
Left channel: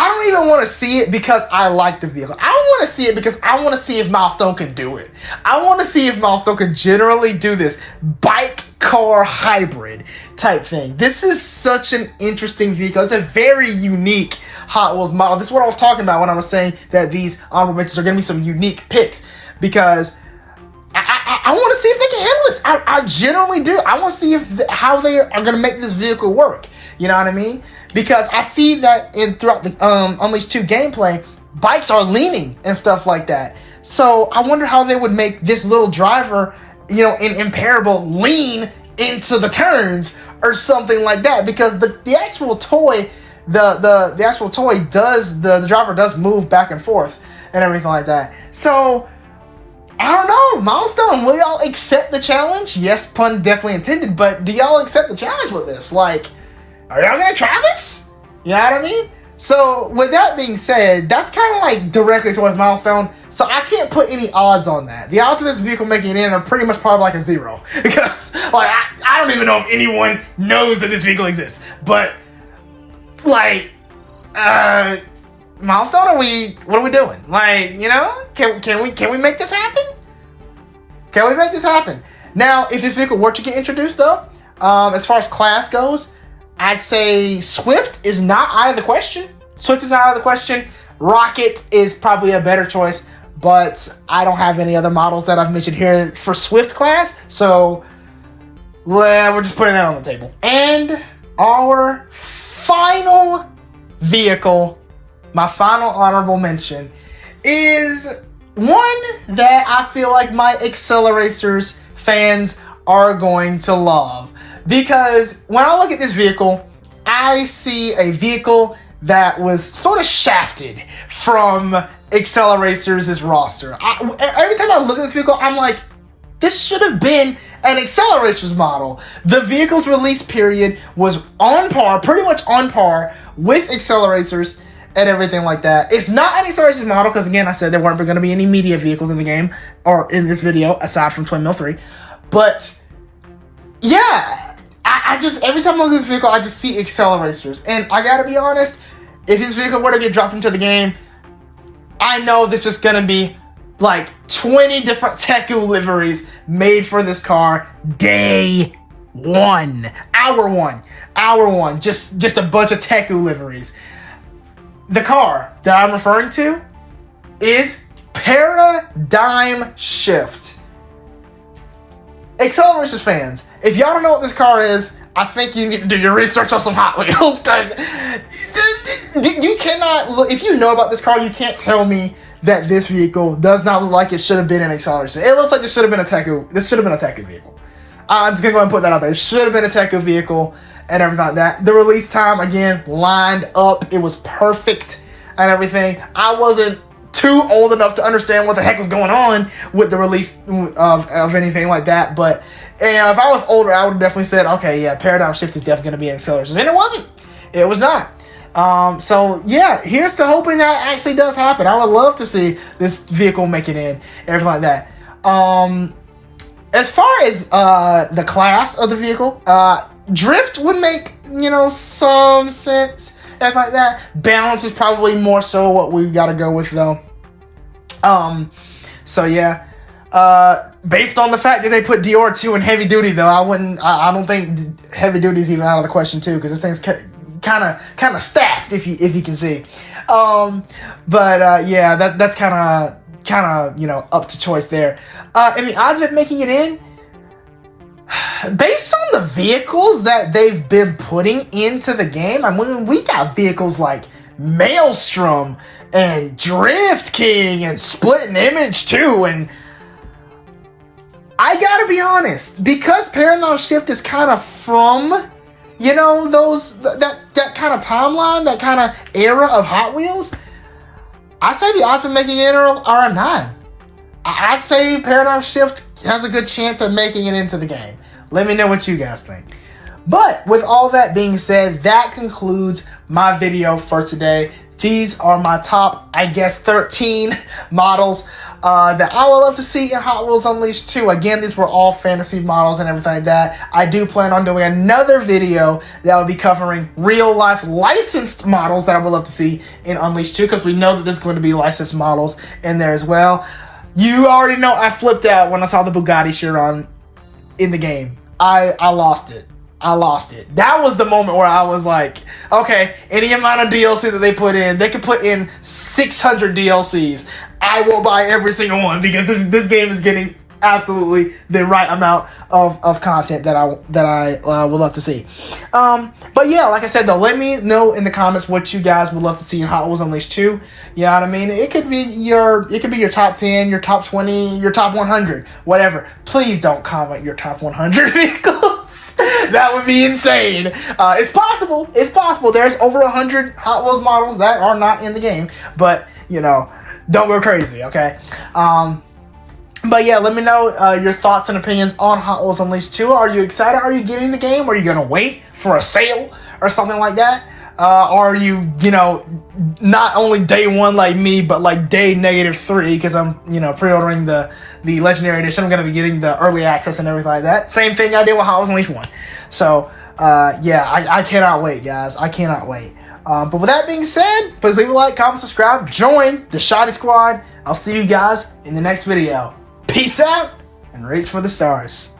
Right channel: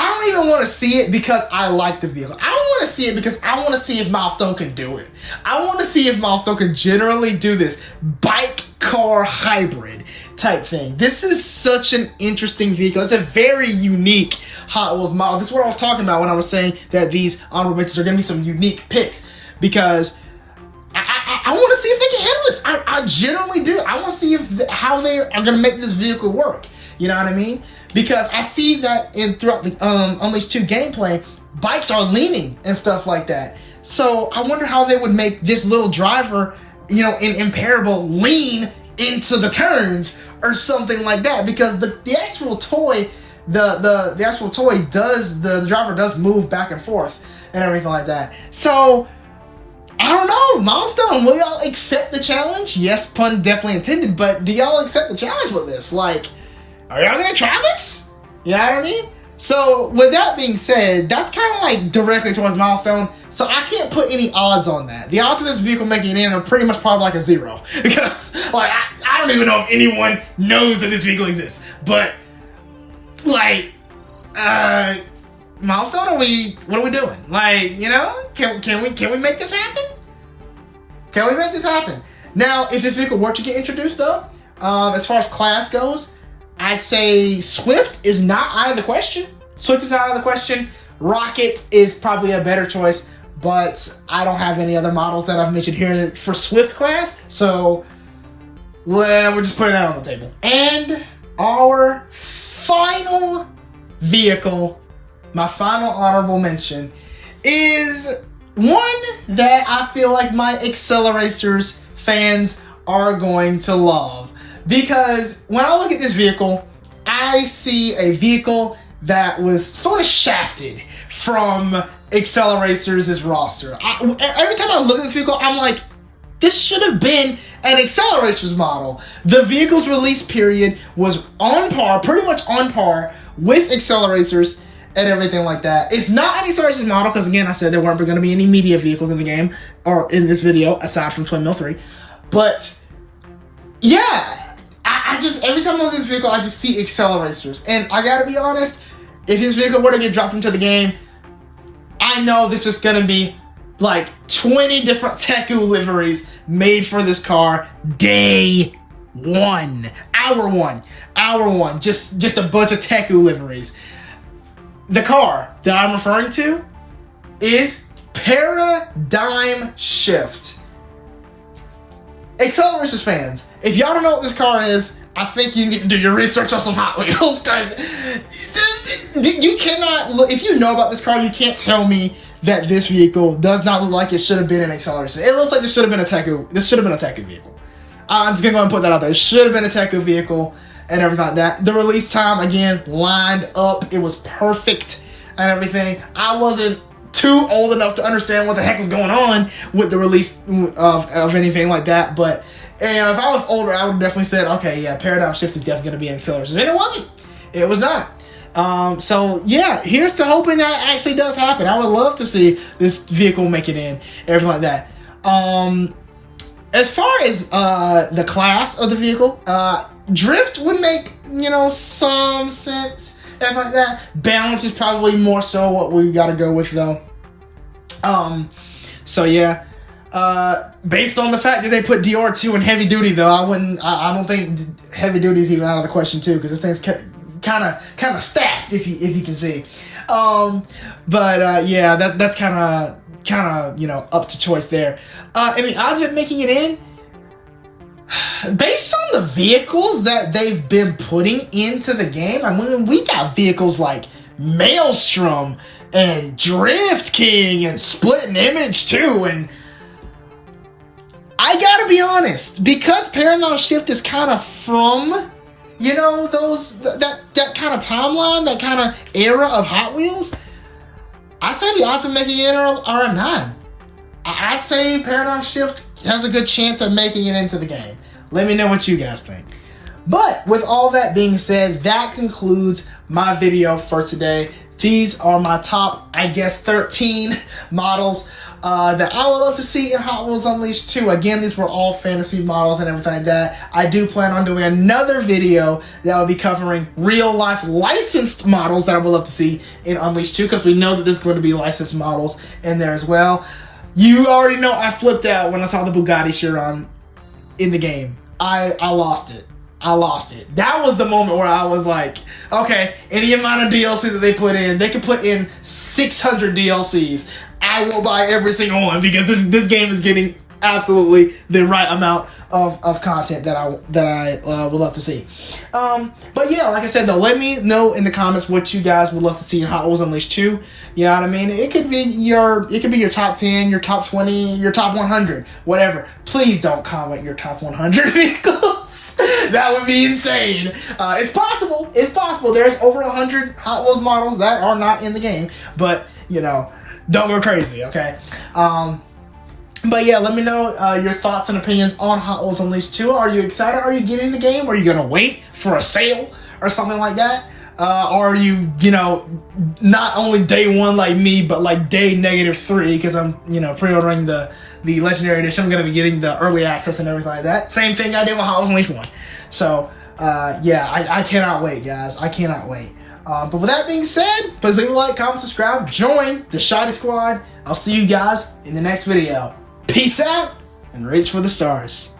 I don't even want to see it because I like the vehicle. I want to see it because I want to see if Milestone can do it. I want to see if Milestone can generally do this bike car hybrid type thing. This is such an interesting vehicle. It's a very unique Hot Wheels model. This is what I was talking about when I was saying that these honorable mentions are going to be some unique picks, because I want to see if they can handle this. I generally do. I want to see how they are going to make this vehicle work. You know what I mean? Because I see that throughout the Unleashed 2 gameplay, bikes are leaning and stuff like that. So I wonder how they would make this little driver, you know, in Imparable lean into the turns or something like that. Because the actual toy, the actual toy does, the driver does move back and forth and everything like that. So I don't know, Milestone, will y'all accept the challenge? Yes, pun definitely intended, but do y'all accept the challenge with this? Like, are y'all gonna try this? You know what I mean? So with that being said, that's kind of like directly towards Milestone. So I can't put any odds on that. The odds of this vehicle making it in are pretty much probably like a 0. Because like I don't even know if anyone knows that this vehicle exists. But like Milestone, what are we doing? Like, you know, can we make this happen? Can we make this happen? Now, if this vehicle were to get introduced though, as far as class goes, I'd say Swift is not out of the question. Swift is not out of the question. Rocket is probably a better choice, but I don't have any other models that I've mentioned here for Swift class, so well, we're just putting that on the table. And our final vehicle, my final honorable mention, is one that I feel like my Acceleracers fans are going to love. Because when I look at this vehicle, I see a vehicle that was sort of shafted from Acceleracers' roster. Every time I look at this vehicle, I'm like, this should have been an Acceleracers model. The vehicle's release period was on par, pretty much on par with Acceleracers and everything like that. It's not an Acceleracers model because, again, I said there weren't going to be any media vehicles in the game or in this video aside from Twin Mill 3. But yeah, I just, every time I look at this vehicle, I just see Acceleracers. And I gotta be honest, if this vehicle were to get dropped into the game, I know there's just gonna be like 20 different Teku liveries made for this car day one. Hour one. Just a bunch of Teku liveries. The car that I'm referring to is Paradigm Shift. Acceleracers fans, if y'all don't know what this car is, I think you need to do your research on some Hot Wheels, guys. You cannot look, if you know about this car, you can't tell me that this vehicle does not look like it should have been an Accelerator. It looks like this should have been a Teku. This should have been a Teku vehicle. I'm just gonna go ahead and put that out there. It should have been a Teku vehicle and everything like that. The release time, again, lined up. It was perfect and everything. I wasn't too old enough to understand what the heck was going on with the release of anything like that, but and if I was older, I would have definitely said, okay, yeah, Paradigm Shift is definitely going to be an Accelerator, and it wasn't. It was not. So yeah, here's to hoping that actually does happen. I would love to see this vehicle make it in, everything like that. As far as the class of the vehicle, drift would make, you know, some sense. Stuff like that. Balance is probably more so what we gotta go with though. So yeah. Based on the fact that they put Dior 2 in heavy duty though, I don't think heavy duty is even out of the question too, because this thing's kind of stacked if you can see. Yeah, that's kind of you know, up to choice there. And the odds of it making it in, based on the vehicles that they've been putting into the game, I mean, we got vehicles like Maelstrom and Drift King and Split and Image too, and I gotta be honest, because Paradigm Shift is kind of from, you know, that kind of timeline, that kind of era of Hot Wheels, I say the odds of making it are a 9. I'd say Paradigm Shift has a good chance of making it into the game. Let me know what you guys think. But with all that being said, that concludes my video for today. These are my top, I guess, 13 models that I would love to see in Hot Wheels Unleashed 2. Again, these were all fantasy models and everything like that. I do plan on doing another video that will be covering real life licensed models that I would love to see in Unleashed 2, because we know that there's going to be licensed models in there as well. You already know I flipped out when I saw the Bugatti Chiron in the game. I lost it. I lost it. That was the moment where I was like, okay, any amount of DLC that they put in, they could put in 600 DLCs. I will buy every single one, because this game is getting absolutely the right amount of content that I would love to see. But yeah, like I said though, let me know in the comments what you guys would love to see in Hot Wheels Unleashed 2. You know what I mean? It could be your top 10, your top 20, your top 100, whatever. Please don't comment your top 100 vehicles. That would be insane. It's possible. It's possible. There's over 100 Hot Wheels models that are not in the game, but you know, don't go crazy, okay? But yeah, let me know your thoughts and opinions on Hot Wheels Unleashed 2. Are you excited? Are you getting the game? Are you gonna wait for a sale or something like that? Or are you, not only day one like me, but like day -3, because I'm, pre-ordering the Legendary Edition. I'm gonna be getting the early access and everything like that. Same thing I did with Hot Wheels Unleashed 1. So yeah, I cannot wait, guys. I cannot wait. But with that being said, please leave a like, comment, subscribe, join the Shoddy Squad. I'll see you guys in the next video. Peace out and race for the stars.